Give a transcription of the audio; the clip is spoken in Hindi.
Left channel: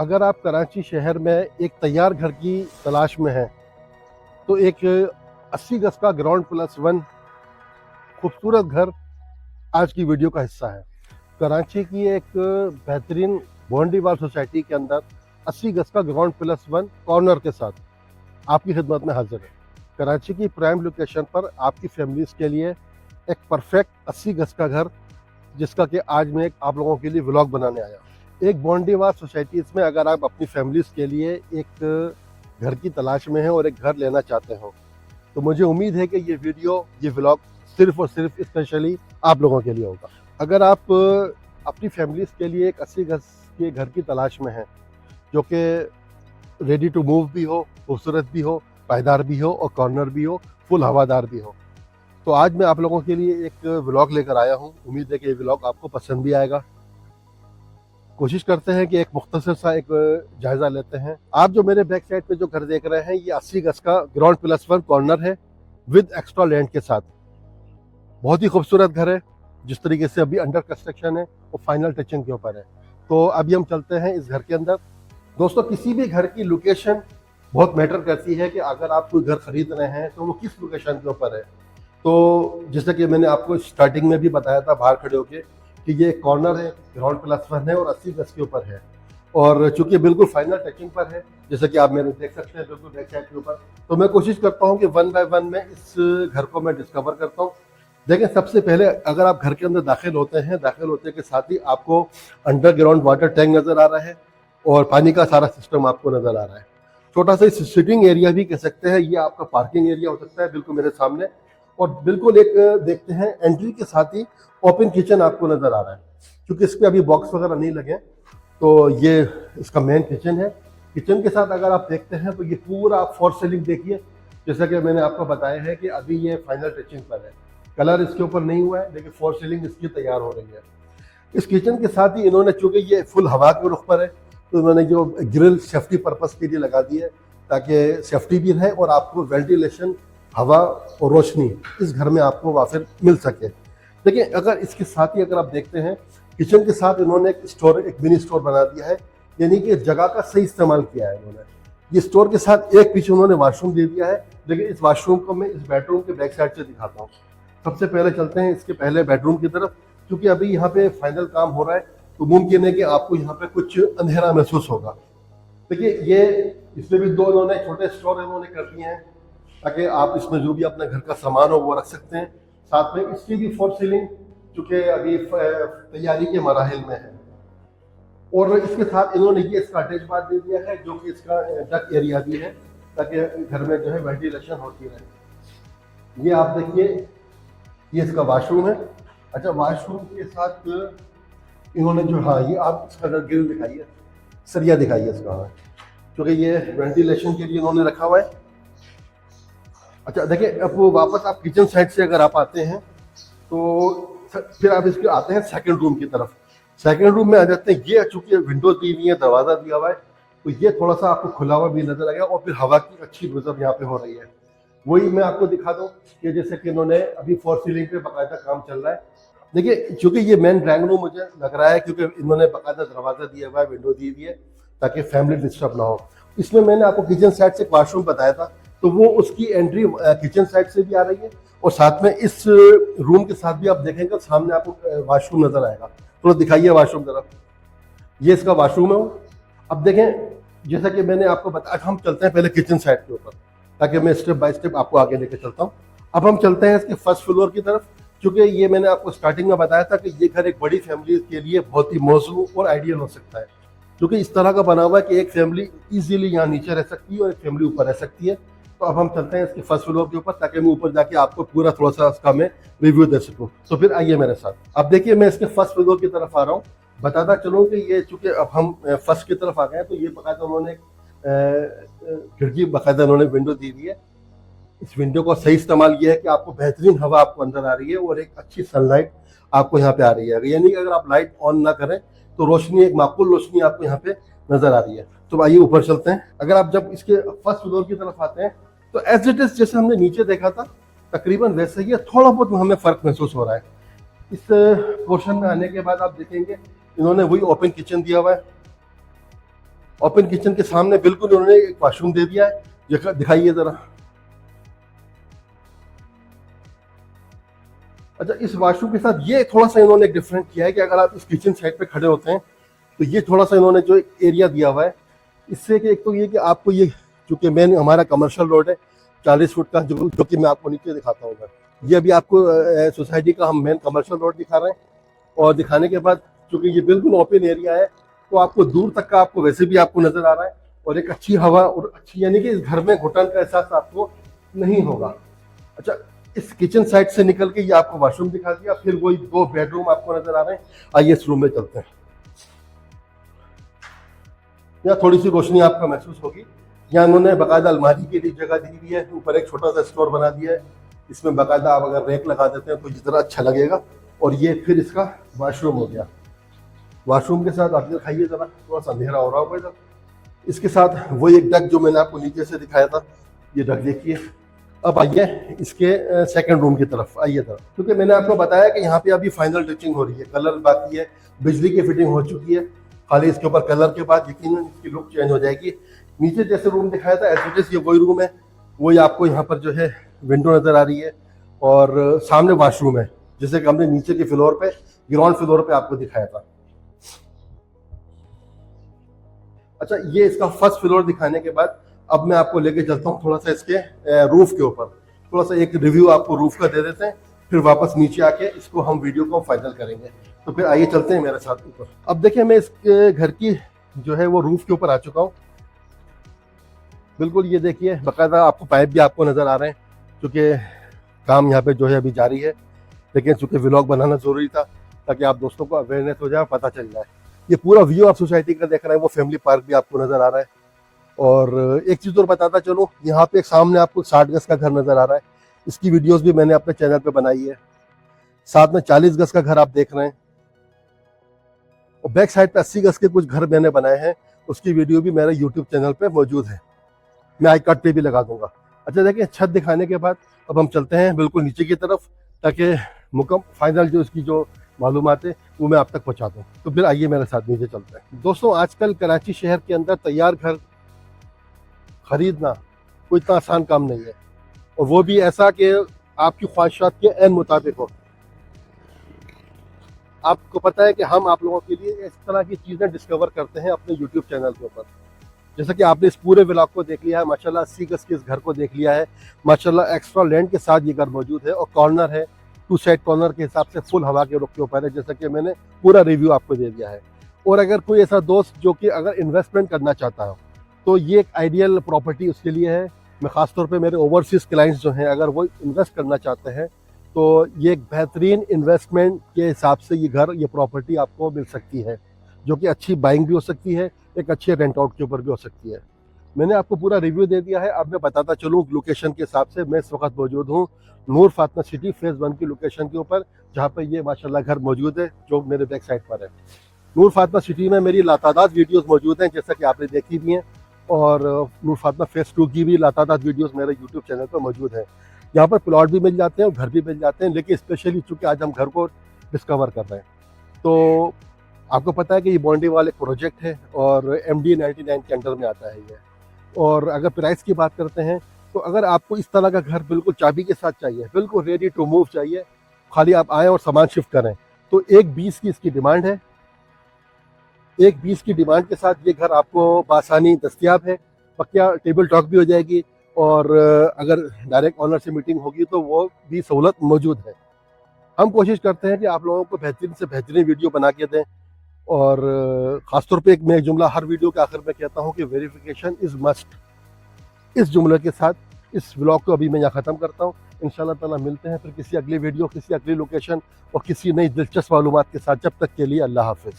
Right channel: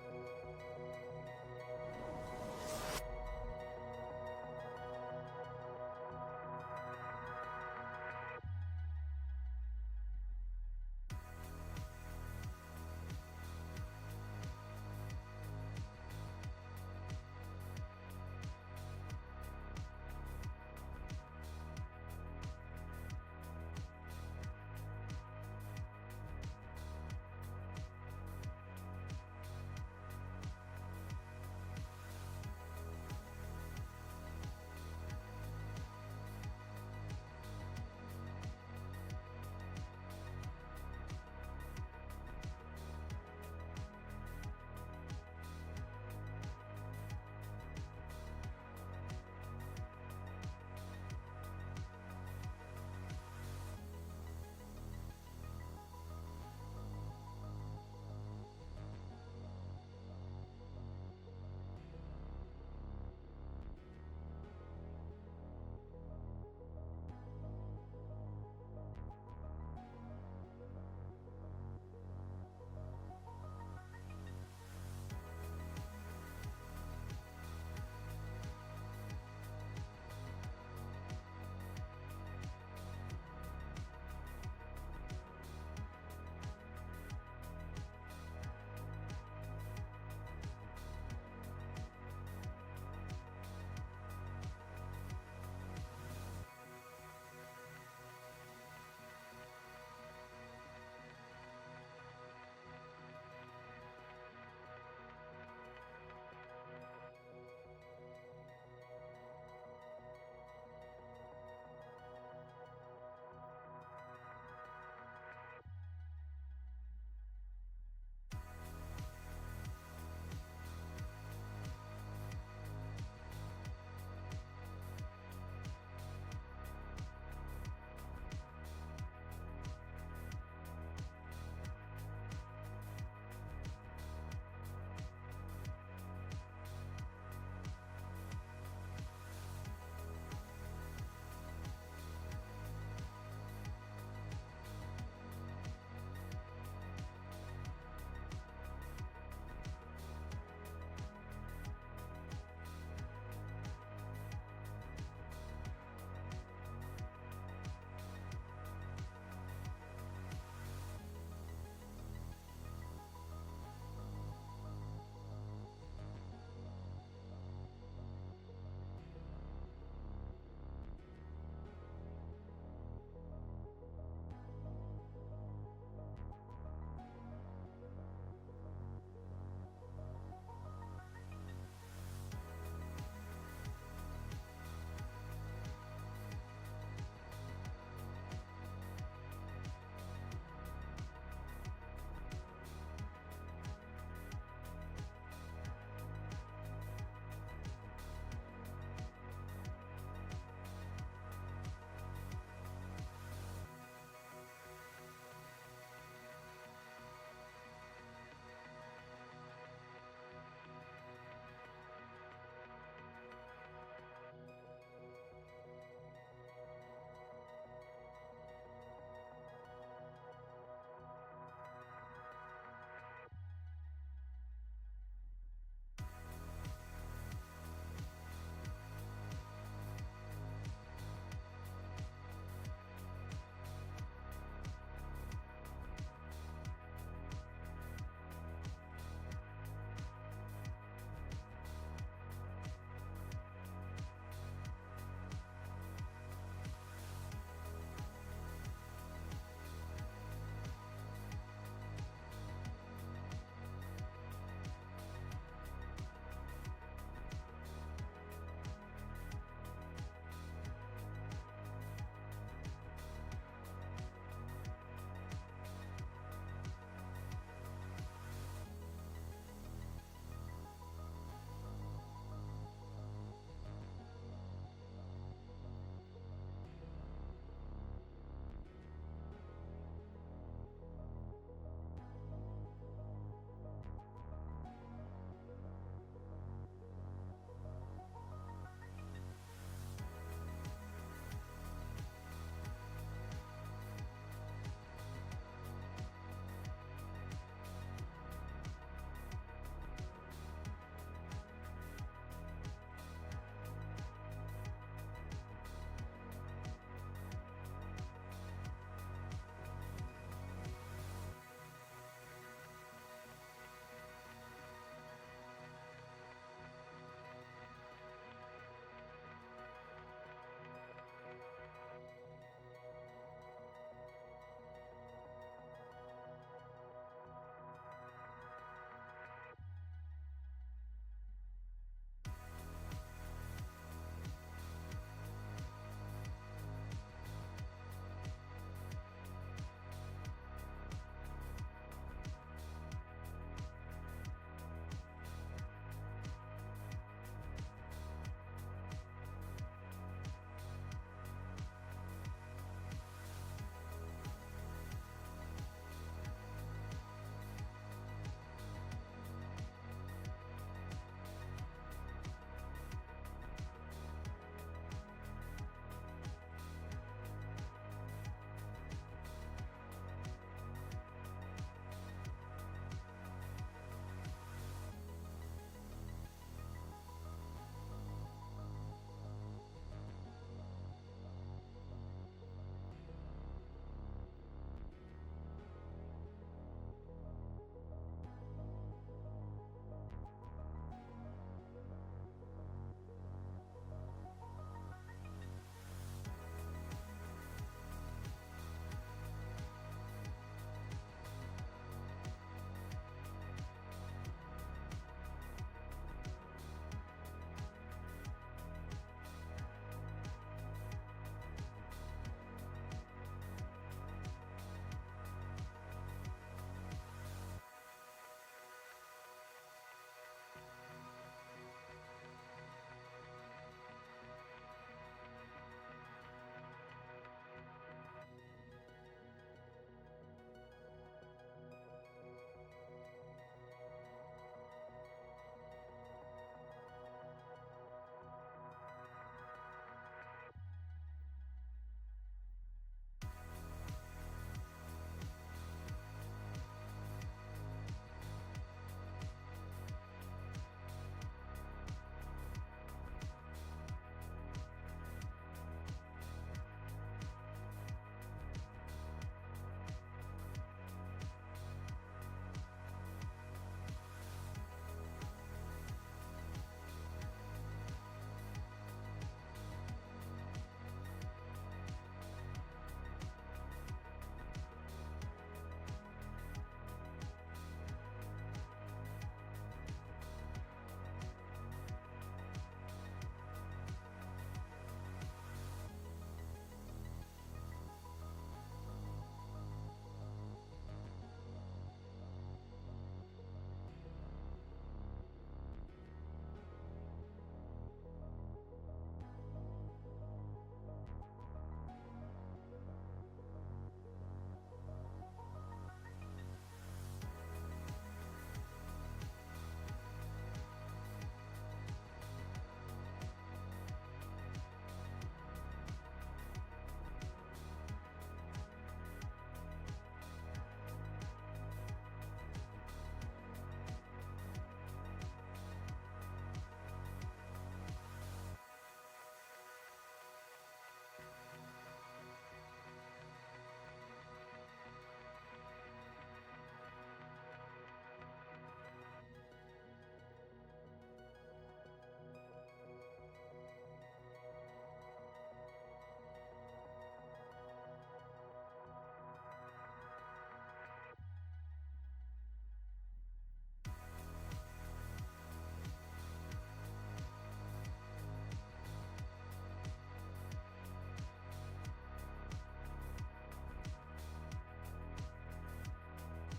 अगर आप कराची शहर में एक तैयार घर की तलाश में हैं तो एक 80 गज का ग्राउंड प्लस वन खूबसूरत घर आज की वीडियो का हिस्सा है। कराची की एक बेहतरीन बॉन्डीवाल सोसाइटी के अंदर 80 गज का ग्राउंड प्लस वन कॉर्नर के साथ आपकी खिदमत में हाजिर है। कराची की प्राइम लोकेशन पर आपकी फैमिलीज के लिए एक परफेक्ट 80 गज का घर, जिसका कि आज मैं आप लोगों के लिए व्लॉग बनाने आया हूँ। एक बॉन्डीवाल सोसाइटीज़ में अगर आप अपनी फैमिलीज के लिए एक घर की तलाश में हैं और एक घर लेना चाहते हो, तो मुझे उम्मीद है कि ये व्लॉग सिर्फ और सिर्फ स्पेशली आप लोगों के लिए होगा। अगर आप अपनी फैमिलीज के लिए एक 80 गज के घर की तलाश में हैं जो कि रेडी टू मूव भी हो, खूबसूरत भी हो, पायदार भी हो और कॉर्नर भी हो, फुल हवादार भी हो, तो आज मैं आप लोगों के लिए एक व्लॉग लेकर आया हूँ। उम्मीद है कि ये व्लॉग आपको पसंद भी आएगा। कोशिश करते हैं कि एक मुख्तसर सा एक जायज़ा लेते हैं। आप जो मेरे बैक साइड पे जो घर देख रहे हैं, ये 80 गज का ग्राउंड प्लस वन कॉर्नर है विद एक्स्ट्रा लैंड के साथ। बहुत ही खूबसूरत घर है। जिस तरीके से अभी अंडर कंस्ट्रक्शन है वो फाइनल टचिंग के ऊपर है। तो अभी हम चलते हैं इस घर के अंदर। दोस्तों, किसी भी घर की लोकेशन बहुत मैटर करती है कि अगर आप कोई घर खरीद रहे हैं तो वो किस लोकेशन के ऊपर है। तो जैसे कि मैंने आपको स्टार्टिंग में भी बताया था बाहर खड़े होके कि ये कॉर्नर है, ग्राउंड प्लस वन है और 80 गज के ऊपर है, और चूंकि बिल्कुल फाइनल टचिंग पर है, जैसे कि आप मेरे देख सकते हैं बिल्कुल बैक साइड के ऊपर। तो मैं कोशिश करता हूँ कि वन बाय वन में इस घर को मैं डिस्कवर करता हूँ। देखिए, सबसे पहले अगर आप घर के अंदर दाखिल होते के साथ ही आपको अंडरग्राउंड वाटर टैंक नज़र आ रहा है और पानी का सारा सिस्टम आपको नज़र आ रहा है। छोटा सा सिटिंग एरिया भी कह सकते हैं, ये आपका पार्किंग एरिया हो सकता है बिल्कुल मेरे सामने। और बिल्कुल एक देखते हैं एंट्री के साथ ही ओपन किचन आपको नज़र आ रहा है। क्योंकि इस पर अभी बॉक्स वगैरह नहीं लगे, तो ये इसका मेन किचन है। किचन के साथ अगर आप देखते हैं तो ये पूरा फॉर सीलिंग देखिए। जैसा कि मैंने आपको बताया है कि अभी ये फाइनल टचिंग पर है, कलर इसके ऊपर नहीं हुआ है, लेकिन फॉर सीलिंग इसकी तैयार हो रही है। इस किचन के साथ ही इन्होंने, चूंकि ये फुल हवा के रुख पर है, तो इन्होंने जो ग्रिल सेफ्टी पर्पस के लिए लगा दी है ताकि सेफ्टी भी रहे और आपको वेंटिलेशन, हवा और रोशनी इस घर में आपको वाफिर मिल सके। देखिए, अगर इसके साथ ही अगर आप देखते हैं किचन के साथ इन्होंने एक मिनी स्टोर बना दिया है, यानी कि जगह का सही इस्तेमाल किया है इन्होंने। ये स्टोर के साथ एक पीछे उन्होंने वॉशरूम दे दिया है, लेकिन इस वॉशरूम को मैं इस बेडरूम के बैक साइड से दिखाता हूँ। सबसे पहले चलते हैं इसके पहले बेडरूम की तरफ। क्योंकि अभी यहाँ पे फाइनल काम हो रहा है, तो मुमकिन है कि आपको यहाँ पे कुछ अंधेरा महसूस होगा। देखिए, ये इसमें भी दो इन्होंने छोटे स्टोर इन्होंने कर दिए हैं ताकि आप इसमें जो भी अपने घर का सामान हो वो रख सकते हैं। साथ में इसकी भी फॉर सीलिंग चूँकि अभी तैयारी के मराहिल में है, और इसके साथ इन्होंने ये इसका अटैच बाथ दे दिया है जो कि इसका डक एरिया भी है ताकि घर में जो है वेंटिलेशन होती रहे। ये आप देखिए, ये इसका वॉशरूम है। अच्छा, वॉशरूम के साथ इन्होंने जो, हाँ, ये आप इसका ग्रिल दिखाइए, सरिया दिखाइए इसका, क्योंकि ये वेंटिलेशन के लिए इन्होंने रखा हुआ है। अच्छा, देखिए, अब वो वापस आप किचन साइड से अगर आप आते हैं तो फिर आप इसके आते हैं सेकंड रूम की तरफ। सेकंड रूम में आ जाते हैं। ये चूंकि विंडो दी हुई है, दरवाज़ा दिया हुआ है, तो ये थोड़ा सा आपको खुला हुआ भी नजर आएगा और फिर हवा की अच्छी गुजर यहाँ पे हो रही है। वही मैं आपको दिखा दूँ कि जैसे कि इन्होंने अभी फॉर सीलिंग पे बाकायदा काम चल रहा है। देखिए, चूंकि ये मेन ड्राइंग रूम मुझे लग रहा है क्योंकि इन्होंने बाकायदा दरवाज़ा दिया हुआ है, विंडो दी हुई है ताकि फैमिली डिस्टर्ब ना हो। इसमें मैंने आपको किचन साइड से वॉशरूम बताया था, तो वो उसकी एंट्री किचन साइड से भी आ रही है, और साथ में इस रूम के साथ भी आप देखेंगे सामने आपको वॉशरूम नजर आएगा। थोड़ा दिखाइए वॉशरूम तरफ। ये इसका वॉशरूम है। अब देखें, जैसा कि मैंने आपको बताया, हम चलते हैं पहले किचन साइड के ऊपर ताकि मैं स्टेप बाय स्टेप आपको आगे लेके चलता हूँ। अब हम चलते हैं इसके फर्स्ट फ्लोर की तरफ, क्योंकि ये मैंने आपको स्टार्टिंग में बताया था कि ये घर एक बड़ी फैमिली के लिए बहुत ही मौजूद और आइडियल हो सकता है, क्योंकि इस तरह का बना हुआ है कि एक फैमिली इजीली यहाँ नीचे रह सकती है और एक फैमिली ऊपर रह सकती है। तो अब हम चलते हैं इसके फर्स्ट फ्लोर के ऊपर ताकि मैं ऊपर जाके आपको पूरा थोड़ा सा इसका मैं रिव्यू दे सकूँ। तो फिर आइए मेरे साथ। अब देखिए, मैं इसके फर्स्ट फ्लोर की तरफ आ रहा हूँ। बताता चलूँ कि ये चूँकि अब हम फर्स्ट की तरफ आ गए हैं, तो ये बाकायदा उन्होंने खिड़की, बाकायदा उन्होंने विंडो दी हुई है। इस विंडो का सही इस्तेमाल ये है कि आपको बेहतरीन हवा आपको अंदर आ रही है और एक अच्छी सनलाइट आपको यहाँ पे आ रही है। यानी कि अगर आप लाइट ऑन ना करें तो रोशनी, एक माकूल रोशनी आपको यहाँ पे नजर आ रही है। तो आइए ऊपर चलते हैं। अगर आप जब इसके फर्स्ट फ्लोर की तरफ आते हैं तो एज इट इज जैसे हमने नीचे देखा था तकरीबन वैसे ही, थोड़ा बहुत हमें फ़र्क महसूस हो रहा है। इस पोर्शन में आने के बाद आप देखेंगे इन्होंने वही ओपन किचन दिया हुआ है। ओपन किचन के सामने बिल्कुल उन्होंने एक वॉशरूम दे दिया है, दिखाइए जरा। अच्छा, इस वॉशरूम के साथ ये थोड़ा सा इन्होंने डिफरेंट किया है कि अगर आप इस किचन साइड पे खड़े होते हैं तो ये थोड़ा सा इन्होंने जो एरिया दिया हुआ है, इससे कि एक तो ये कि आपको ये चूँकि मेन हमारा कमर्शियल रोड है 40 फुट का, जो कि मैं आपको नीचे दिखाता हूँ। ये अभी आपको सोसाइटी का हम मेन कमर्शियल रोड दिखा रहे हैं, और दिखाने के बाद चूँकि ये बिल्कुल ओपन एरिया है तो आपको दूर तक का आपको वैसे भी आपको नज़र आ रहा है, और एक अच्छी हवा और अच्छी, यानी कि इस घर में घुटन का एहसास आपको नहीं होगा। अच्छा, इस किचन साइड से निकल के ये आपको वॉशरूम दिखा दिया, फिर वही 2 बेडरूम आपको नजर आ रहे हैं। आइए इस रूम में चलते हैं। यहाँ थोड़ी सी रोशनी आपको महसूस होगी। यहाँ उन्होंने बाकायदा अलमारी के लिए जगह दी हुई है, ऊपर एक छोटा सा स्टोर बना दिया है, इसमें बाकायदा आप अगर रैक लगा देते हैं तो जितना अच्छा लगेगा। और ये फिर इसका वॉशरूम हो गया। वॉशरूम के साथ आप दिखाइए जरा, थोड़ा सा अंधेरा हो रहा होगा इधर। इसके साथ वही एक डक जो मैंने आपको नीचे से दिखाया था, ये डक देखिए। अब आइए इसके सेकंड रूम की तरफ आइए तरफ, क्योंकि मैंने आपको बताया कि यहाँ पे अभी फाइनल टचिंग हो रही है, कलर बाकी है, बिजली की फिटिंग हो चुकी है, खाली इसके ऊपर कलर के बाद यकीनन इसकी लुक चेंज हो जाएगी। नीचे जैसे रूम दिखाया था एज ये वही रूम है, वही आपको यहाँ पर जो है विंडो नज़र आ रही है, और सामने वॉशरूम है, जैसे कि हमने नीचे के फ्लोर पे, ग्राउंड फ्लोर पे आपको दिखाया था। अच्छा, ये इसका फर्स्ट फ्लोर दिखाने के बाद अब मैं आपको लेके चलता हूँ थोड़ा सा इसके रूफ के ऊपर, थोड़ा सा एक रिव्यू आपको रूफ का दे देते हैं, फिर वापस नीचे आके इसको हम वीडियो को फाइनल करेंगे। तो फिर आइए चलते हैं मेरे साथ ऊपर। अब देखिए, मैं इस घर की जो है वो रूफ के ऊपर आ चुका हूँ। बिल्कुल ये देखिए, बाकायदा आपको पाइप भी आपको नज़र आ रहे हैं, क्योंकि काम यहाँ पे जो है अभी जारी है, लेकिन चूँकि व्लॉग बनाना ज़रूरी था ताकि आप दोस्तों को अवेयरनेस हो जाए, पता चल जाए। ये पूरा व्यू आप सोसाइटी का देख रहे हैं, वो फैमिली पार्क भी आपको नज़र आ रहा है। और एक चीज़ और बताता चलो, यहाँ पे एक सामने आपको 60 गज का घर नज़र आ रहा है, इसकी वीडियोस भी मैंने अपने चैनल पे बनाई है। साथ में 40 गज का घर आप देख रहे हैं, और बैक साइड पे 80 गज के कुछ घर मैंने बनाए हैं, उसकी वीडियो भी मेरे यूट्यूब चैनल पे मौजूद है, मैं आई कार्ड पे भी लगा दूंगा। अच्छा देखिए, छत दिखाने के बाद अब हम चलते हैं बिल्कुल नीचे की तरफ, ताकि फाइनल जो इसकी जो मालूमात है वो मैं आप तक पहुँचा दूँ। तो फिर आइए मेरे साथ नीचे चलते हैं। दोस्तों, आजकल कराची शहर के अंदर तैयार घर खरीदना कोई इतना आसान काम नहीं है, और वो भी ऐसा कि आपकी ख्वाहिशात के ऐन मुताबिक हो। आपको पता है कि हम आप लोगों के लिए इस तरह की चीज़ें डिस्कवर करते हैं अपने यूट्यूब चैनल के ऊपर। जैसा कि आपने इस पूरे व्लॉग को देख लिया है, माशाल्लाह 80 गज के इस घर को देख लिया है, माशाल्लाह एक्स्ट्रा लैंड के साथ ये घर मौजूद है, और कॉर्नर है, 2 साइड कॉर्नर के हिसाब से फुल हवा के रुख के ऊपर है, जैसा कि मैंने पूरा रिव्यू आपको दे दिया है। और अगर कोई ऐसा दोस्त जो कि अगर इन्वेस्टमेंट करना चाहता हो तो ये एक आइडियल प्रॉपर्टी उसके लिए है। मैं ख़ासतौर पे मेरे ओवरसीज़ क्लाइंट्स जो हैं, अगर वो इन्वेस्ट करना चाहते हैं तो ये एक बेहतरीन इन्वेस्टमेंट के हिसाब से ये घर, ये प्रॉपर्टी आपको मिल सकती है, जो कि अच्छी बाइंग भी हो सकती है, एक अच्छे रेंट आउट के ऊपर भी हो सकती है। मैंने आपको पूरा रिव्यू दे दिया है। अब मैं बताता चलूँ लोकेशन के हिसाब से। मैं इस वक्त मौजूद हूँ नूर फातिमा सिटी फेज़ 1 की लोकेशन के ऊपर, जहाँ पर ये माशाल्लाह घर मौजूद है, जो मेरे बैक साइड पर है। नूर फातिमा सिटी में मेरी लातादाद वीडियोस मौजूद हैं, जैसा कि आपने देखी भी हैं, और नूर फातिमा फेज़ 2 की भी लातादाद वीडियोस मेरे यूट्यूब चैनल पर मौजूद हैं। यहाँ पर प्लॉट भी मिल जाते हैं और घर भी मिल जाते हैं, लेकिन स्पेशली चूँकि आज हम घर को डिस्कवर कर रहे हैं, तो आपको पता है कि ये बॉन्डी वाले प्रोजेक्ट है और MD 99 के अंडर में आता है ये। और अगर प्राइस की बात करते हैं तो अगर आपको इस तरह का घर बिल्कुल चाबी के साथ चाहिए, बिल्कुल रेडी टू मूव चाहिए, खाली आप आएँ और सामान शिफ्ट करें, तो 1.20 की इसकी डिमांड है। 1.20 की डिमांड के साथ ये घर आपको बासानी दस्तियाब है। पक्का टेबल टॉक भी हो जाएगी, और अगर डायरेक्ट ऑनर से मीटिंग होगी तो वो भी सहूलत मौजूद है। हम कोशिश करते हैं कि आप लोगों को बेहतरीन से बेहतरीन वीडियो बना के दें, और ख़ासतौर पे एक मैं जुमला हर वीडियो के आखिर में कहता हूँ कि वेरिफिकेशन इज़ मस्ट। इस जुमले के साथ इस व्लॉग को अभी मैं यहाँ ख़त्म करता हूँ। इंशाल्लाह ताला मिलते हैं फिर किसी अगली वीडियो, किसी अगली लोकेशन और किसी नई दिलचस्प मालूमात के साथ। जब तक के लिए अल्लाह हाफ़िज़।